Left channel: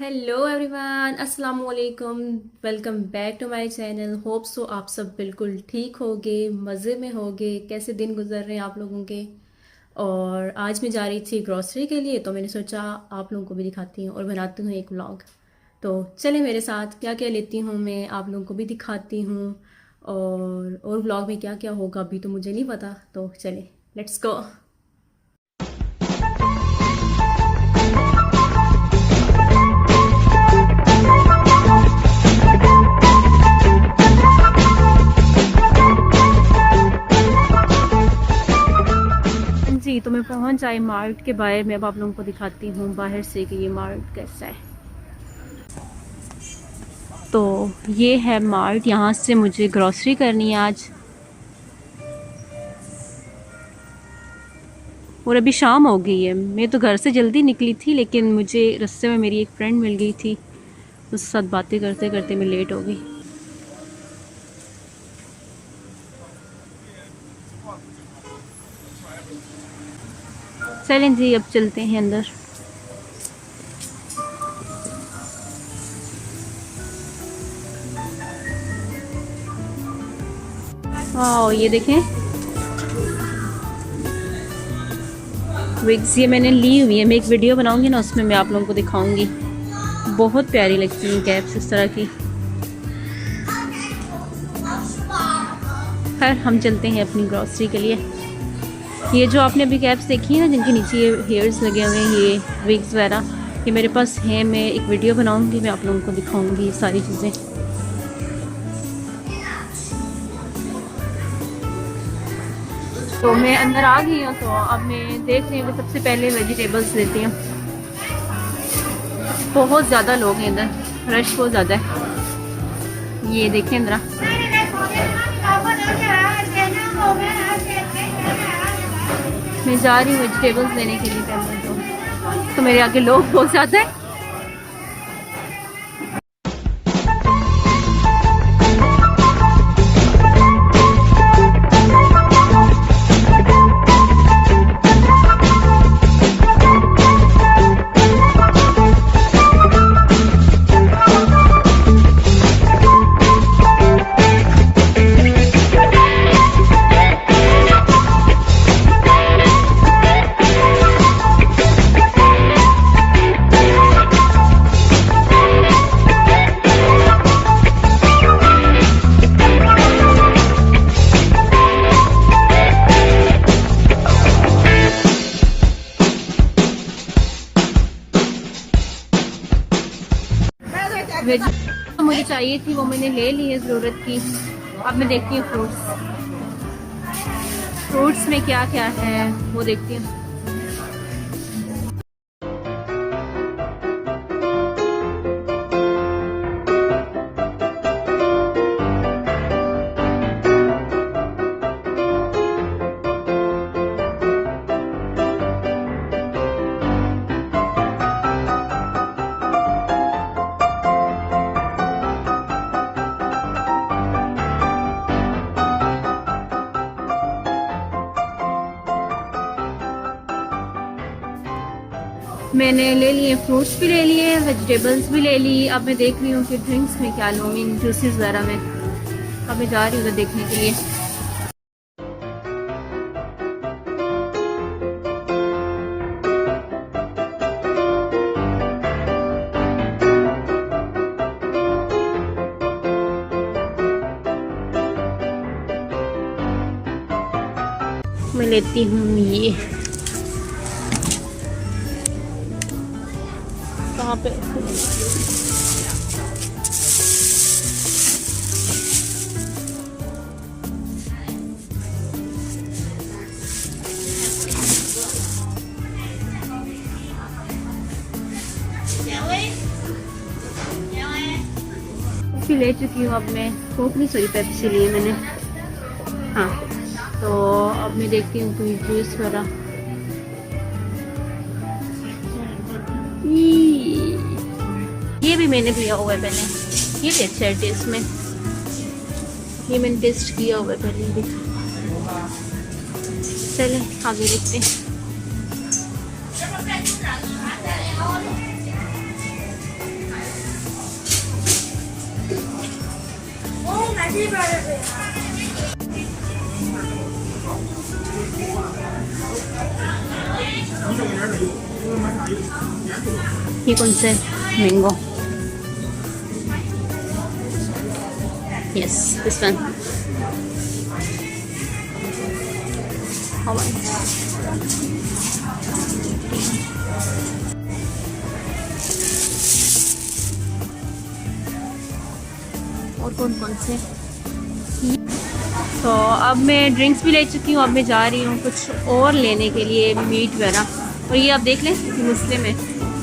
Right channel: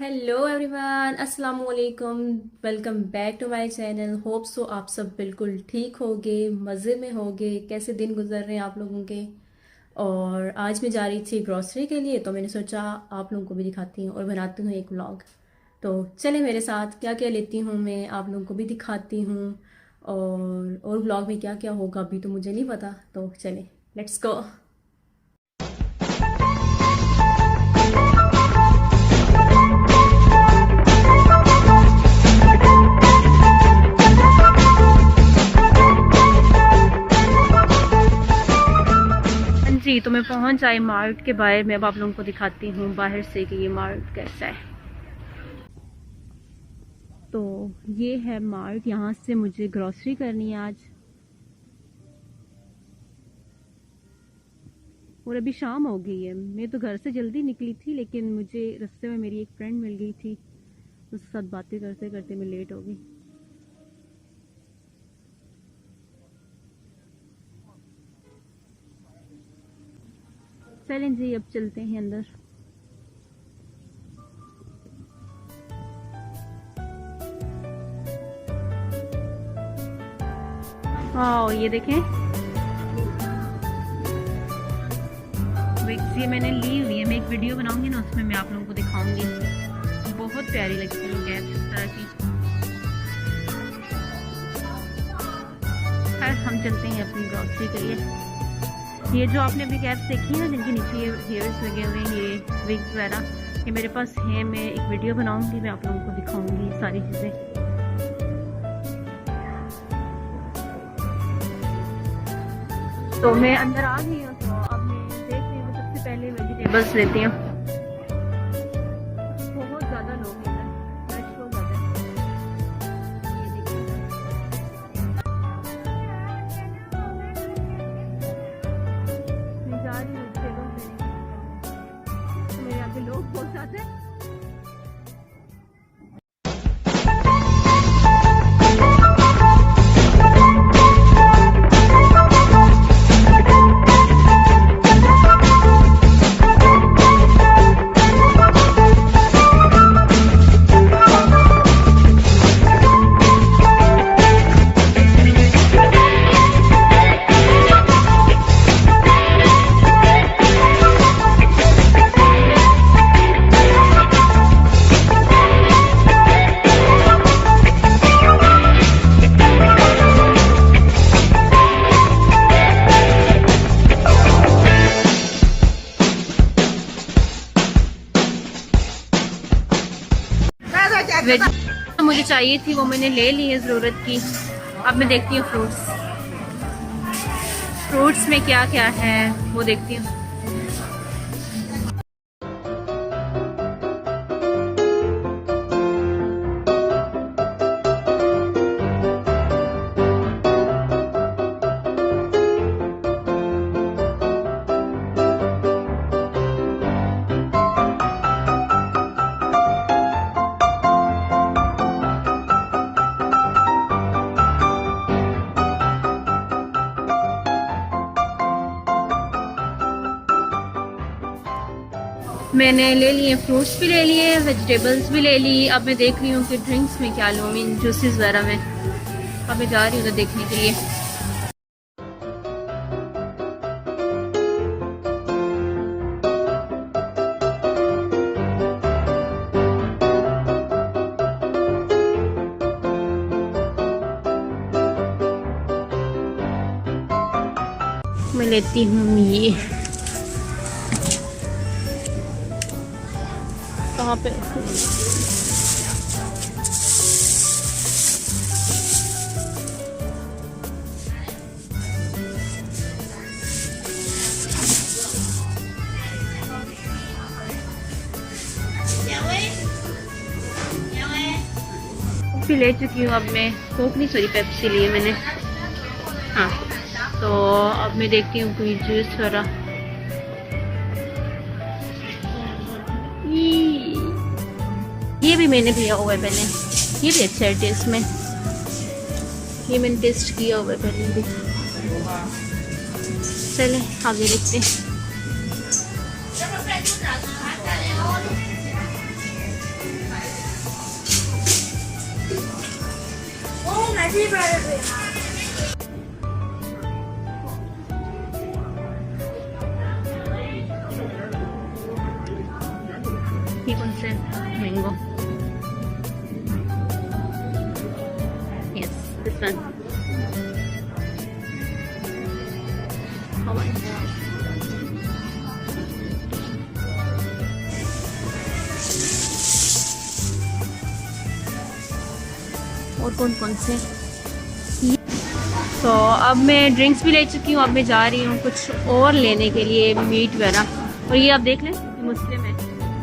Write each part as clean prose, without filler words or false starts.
Hello everyone, अस्सलाम वालेकुम। Welcome back to my channel. Hope so आप सब बिल्कुल ठीक होगे, मज़े में होगे। कैसे दिन गुजर रहे हैं आप लोगों के। और आज मैं जा रही थी ग्रॉसरी के लिए, तो मैंने सोचा आप लोगों को भी दिखाती हूँ और बनाती हूँ एक व्लॉग। तो चले मेरे साथ, क्या क्या लेती हूँ मैं आप लोगों को भी दिखाती हूँ। और व्लॉग में क्या क्या होगा अभी तो मुझे नहीं पता, तो चले लेट्स गो। जी, तो मैं पहुंच आई मार्ट के बाहर। मैं अब आप लोगों को दिखाती हूँ बाहर से कि ये मार्ट कैसा है। तो ये है मार्ट, यहाँ से मुझे ग्रॉसरी करनी है आज। और अभी शाम हो गई है। मैं तो घर से जल्दी निकली थी, लेकिन मुझे रास्ते में मेरी एक फ्रेंड मिल गई थी। उसके साथ बातें करते करते मैं लेट हो गई। चलें जी, अब चलते हैं अंदर। हाँ, ये देखें विग्स, ये मैंने ली हुई है। मैं एक वीडियो बनाऊंगी ना, उसमें मैं आप लोगों को दिखाऊंगी। बहुत प्यारी लगती है कैप्स इस तरह की। खैर, हम चलते हैं अपनी ग्रॉसरी के लिए। ये जो आपने अभी कैप्स देखी है ना, जिनके नीचे ये हेयर्स लगे हुए हैं, ये विग्स वगैरह, ये मेरे पास है। मैं एक वीडियो बनाऊंगी, मैं आप लोगों को दिखाऊंगी ये सारी चीज़ें। तो मैं अंदर आ गई हूँ, तो अब मैं देख रही हूँ कि सबसे पहले वेजिटेबल्स लेती हूँ। बहुत ज़्यादा लोग हैं इधर, रश बहुत ज़्यादा है। ये देखें अंदर, मैं जा रही हूँ वेजिटेबल्स लेने के लिए पहले। तो मेरे आगे लोग बहुत ज़्यादा है। वेज मुझे चाहिए थी, वो मैंने ले ली है ज़रूरत की। अब मैं देखती हूँ फ्रूट्स में क्या क्या है वो देखती हूँ। मैंने ले लिए फ्रूट्स भी ले लिए, वेजिटेबल्स भी ले ली। अब मैं देख रही हूँ कि ड्रिंक्स में क्या लूँ, इन जूसेस वगैरह में। अब मैं जा रही हूँ देखने के लिए। मैं लेती हूँ ये, कहाँ पे ले चुकी हूँ। अब मैं कोक नहीं, सॉरी पेप्सी ली है मैंने। हाँ, तो अब मैं देखती हूँ कोई जूस वगैरह। ये भी मैंने पिया हुआ है पहले, ये भी अच्छा है टेस्ट में। ये मैंने टेस्ट किया हुआ है पहले भी। चलें आगे देखते हैं। ये कौन सा है? Mango. Yes, this one. How much? और कौन कौन से? तो अब मैं ड्रिंक्स भी ले चुकी हूँ। अब मैं जा रही हूँ कुछ और लेने के लिए, मीट वगैरह। और ये आप देख लें, मुस्लिम है,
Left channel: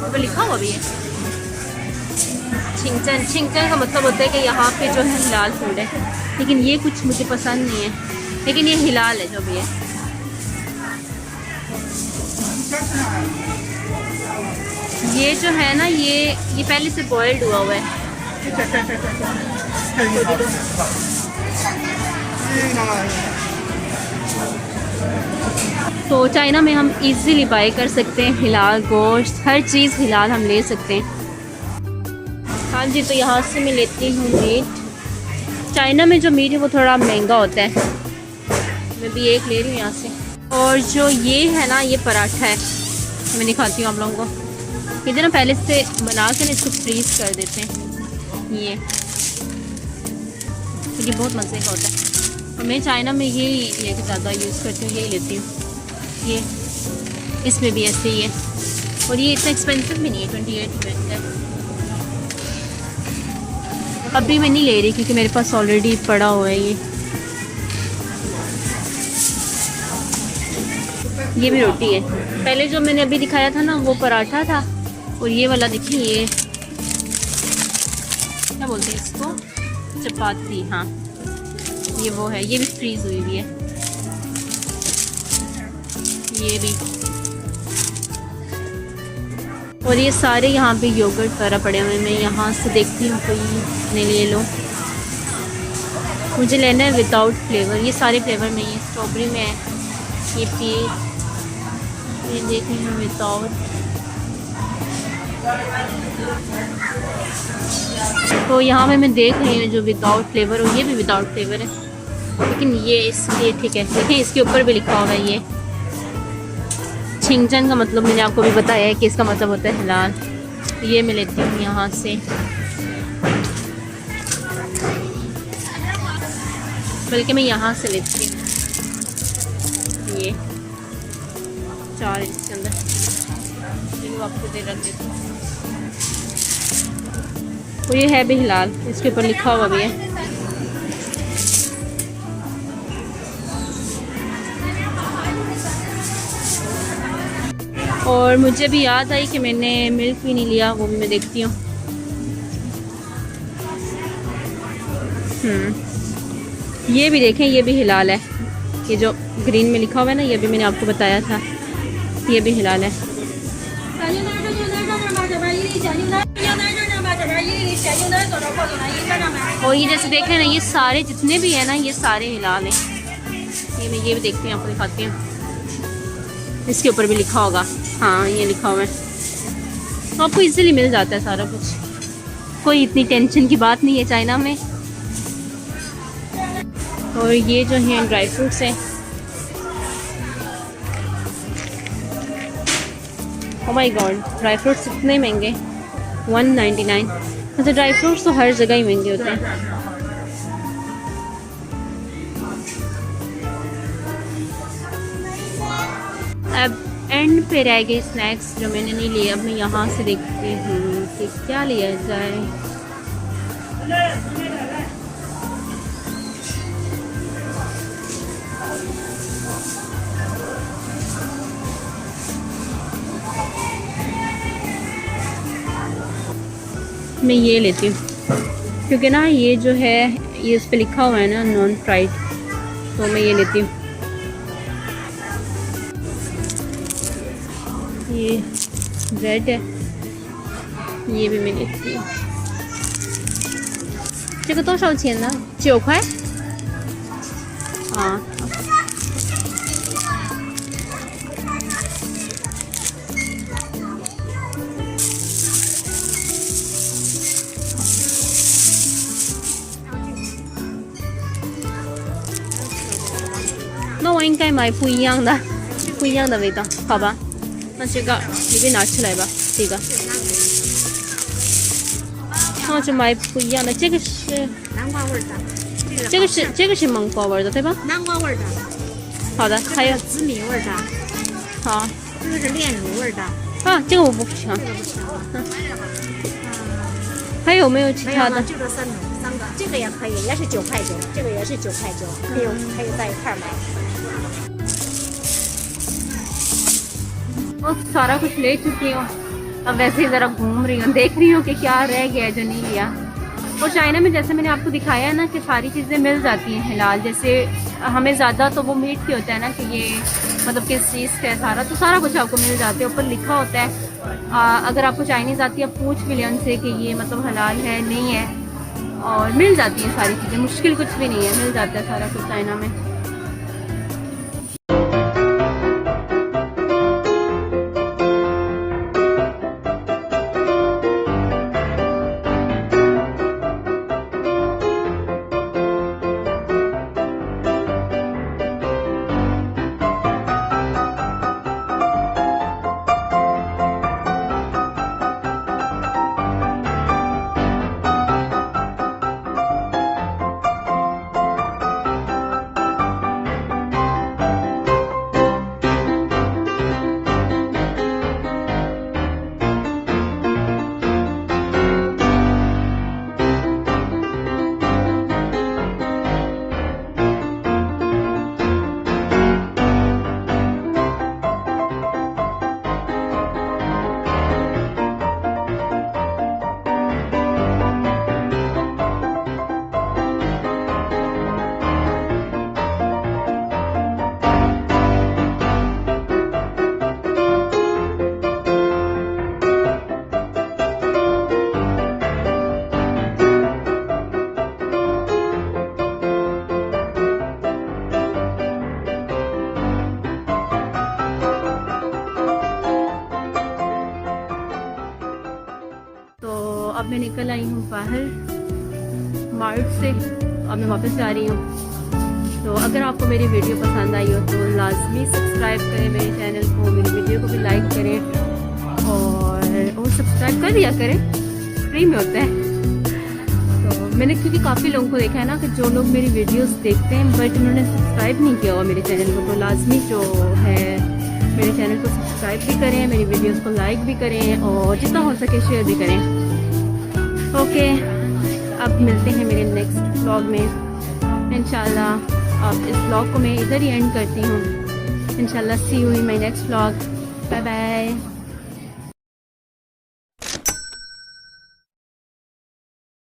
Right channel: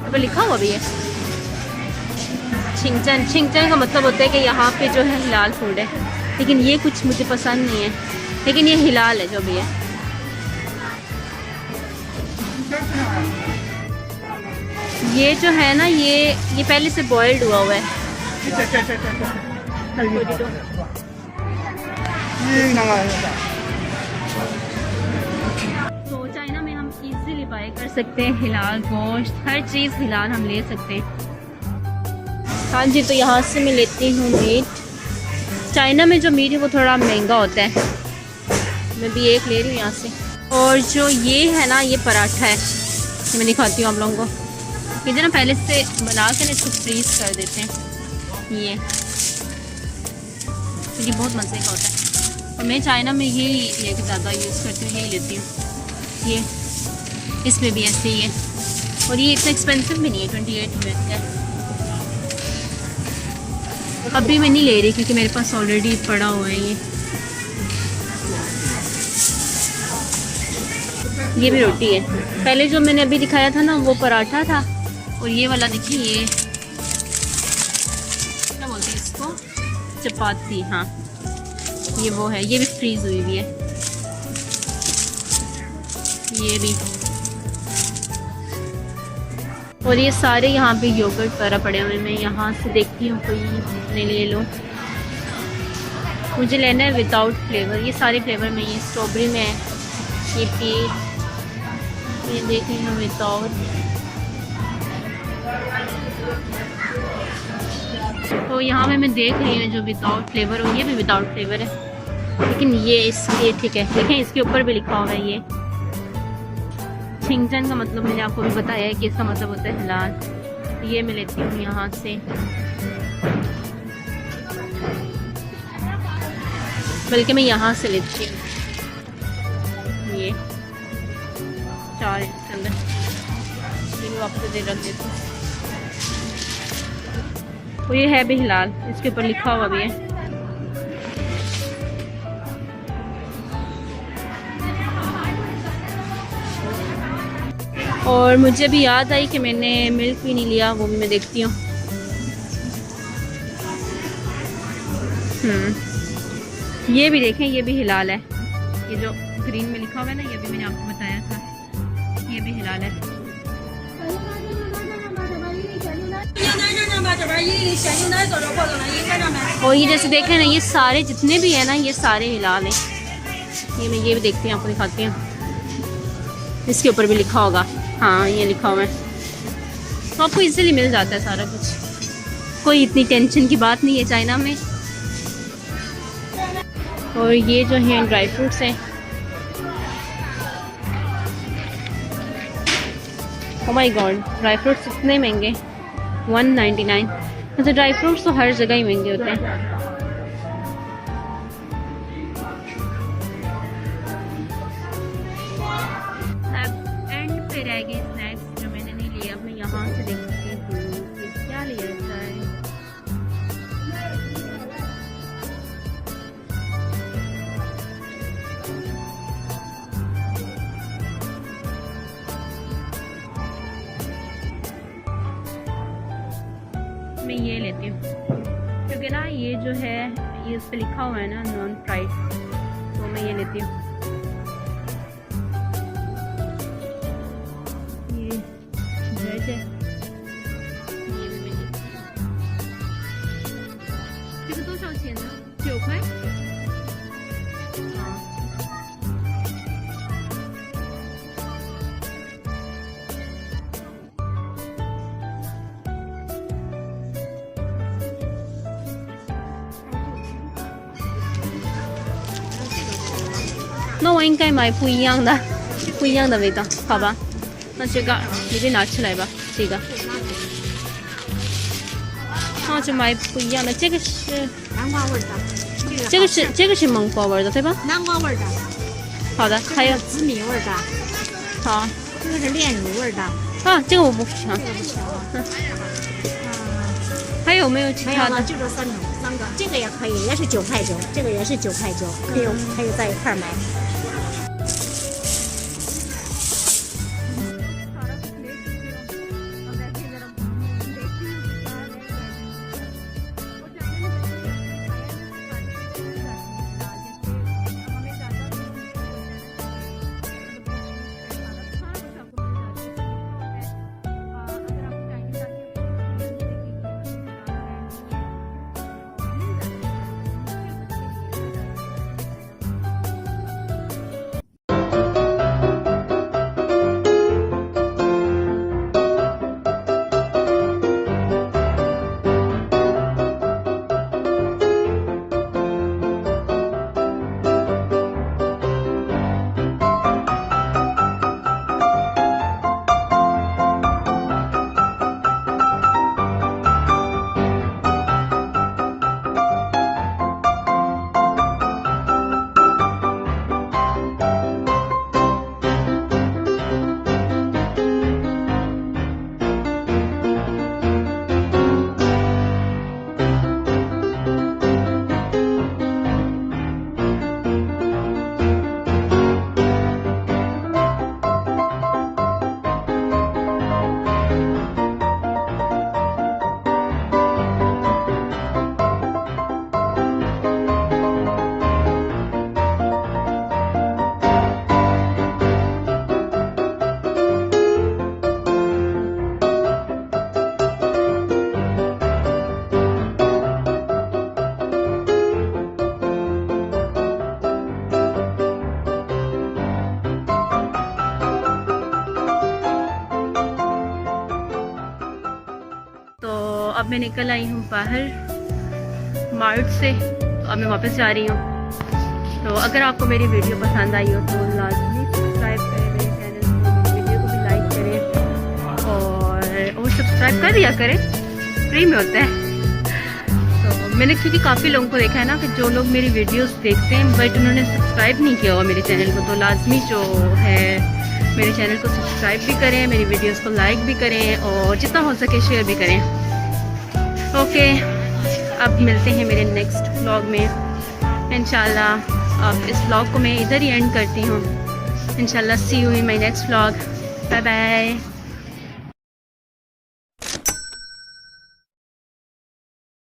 तो लिखा हुआ भी है छिंगचन। छिंगचन का मतलब होता है कि यहाँ पे जो है हिलाल फूड है, लेकिन ये कुछ मुझे पसंद नहीं है, लेकिन ये हिलाल है जो भी है। ये जो है ना, ये पहले से बॉइल्ड हुआ हुआ है। तो चाइना में हम इजीली बाय कर सकते हैं हिलाल गोश्त, हर चीज़ हिलाल हम ले सकते हैं। हाँ जी, तो यहाँ से मैं लेती हूँ मीट। चाइना में जो मीट है वो थोड़ा महंगा होता है। मैं भी एक ले रही हूँ यहाँ से। और जो ये है ना, ये पराठा है, ये मैं दिखाती हूँ आप लोगों को। ये जो ना पहले से बना कर इसको फ्रीज कर देते हैं, ये क्योंकि बहुत मज़े का होता है। और मैं चाइना में ये लेके ज़्यादा यूज़ करती हूँ, ये लेती हूँ। ये इसमें भी ऐसे ही है, और ये इतना एक्सपेंसिव भी नहीं है, 28 मिनट का। अभी मैं नहीं ले रही क्योंकि मेरे पास ऑलरेडी पड़ा हुआ है ये भी रोटी है। पहले जो मैंने अभी दिखाया था ना, वो पराठा था, और ये वाला देखिए, ये क्या बोलते हैं इसको, चपाती। हाँ, ये वो है, ये भी फ्रीज हुई हुई है, ये भी। और ये सारे यहाँ पे योगर्ट वगैरह पड़े हुए। मैं यहाँ से देखती हूँ कोई मैं ले लो। मुझे लेना है विदाउट फ्लेवर। ये सारे फ्लेवर नहीं है, स्ट्रॉबेरी में है, ये केक, ये देख रही हूँ विदाउट। तो यहाँ पे मैं देख रही हूँ जो विदाउट फ्लेवर हो, ये भी विदाउट फ्लेवर है, लेकिन ये इसके ठीक है। देखें, इसके ऊपर भी लिखा हुआ है ये छिंगचन का मतलब मैंने आपको भी बताया है कि इसका मतलब होता है हिलाल। ये मैं लेती हूँ यहाँ से, बल्कि मैं यहाँ से लेती हूँ ये 4 चल, ये वापस दे रख देती हूँ। तो ये है भी हिलाल, इसके ऊपर लिखा हुआ भी है। और मुझे भी याद आई कि मैंने मिल्क भी नहीं लिया, वो भी मैं देखती हूँ। ये भी देखें, ये भी हिलाल है। ये जो ग्रीन में लिखा हुआ है ना, ये भी मैंने आपको बताया था, ये भी हिलाल है। और ये जैसे देख रहे हैं ना, ये सारे जितने भी है ना, ये सारे हिलाल हैं। ये मैं ये भी देखती हूँ, आपको दिखाती हूँ। इसके ऊपर भी लिखा होगा, हाँ ये लिखा हुआ है। तो आपको इजीली मिल जाता है सारा कुछ, कोई इतनी टेंशन की बात नहीं है चाइना में। और ये जो है ड्राई फ्रूट्स हैं। Oh my God, dry fruits इतने महंगे, 199। वैसे ड्राई फ्रूट्स तो हर जगह ही महंगे होते हैं। अब एंड पे रह गए स्नैक्स जो मैंने नहीं लिए। अब मैं यहाँ से देखती हूँ कि क्या लिया जाए। मैं ये लेती हूँ क्योंकि ना ये जो है, ये इस पे लिखा हुआ है ना नॉन फ्राइड, तो मैं ये लेती हूँ। ये ब्रेड है, ये भी मैं लेती हूँ। 这个多少钱呢？9块。啊。应该买不一样的味道，好吧？那这个你给拿起来吧，这个。那就买不一样的，这个是南瓜味的，这个是芒果味的，对吧？南瓜味的。好的，还有紫米味的。好，这个是炼乳味的。啊，这个我不喜欢。还有没有其他的？就这三个，这个也可以，也是9块9，这个也是9块9，可以在一块买。वो सारा कुछ ले चुकी हूँ, अब वैसे ही ज़रा घूम रही हूँ, देख रही हूँ कि क्या रह गया जो नहीं लिया। और चाइना में जैसे मैंने आपको दिखाया है ना कि सारी चीज़ें मिल जाती हैं हिलाल, जैसे हमें ज़्यादा तो वो मीट की होता है ना कि ये मतलब किस चीज़ का है सारा, तो सारा कुछ आपको मिल जाता है, ऊपर लिखा होता है। अगर आपको चाइनीज़ आती है, पूछ भी लें उनसे कि ये मतलब हलाल है नहीं है, और मिल जाती हैं सारी चीज़ें, मुश्किल कुछ भी नहीं है, मिल जाता है सारा कुछ चाइना में। तो अब मैं निकल आई हूँ बाहर मार्ट से, अब मैं वापस जा रही हूँ। तो अगर आपको मेरी वीडियो पसंद आई हो तो लाजमी सब्सक्राइब करें मेरे चैनल को, मेरी वीडियो को भी लाइक करें और सब्सक्राइब कर दिया करें, फ्री में होता है। तो मैंने क्योंकि काफ़ी लोगों को देखा है ना कि जो लोग मेरी वीडियोस देखते हैं बट उन्होंने सब्सक्राइब नहीं किया हुआ मेरे चैनल को, तो लाजमी जो है मेरे चैनल को सब्सक्राइब भी करें, मेरी वीडियोस को लाइक भी करें और जितना हो सके शेयर भी करें। ओके, अब मिलते हैं मेरे नेक्स्ट व्लॉग में इंशाल्लाह। अब इस व्लॉग को मैं इधर ही एंड करती हूँ इंशाल्लाह। See you in my next vlog, bye bye.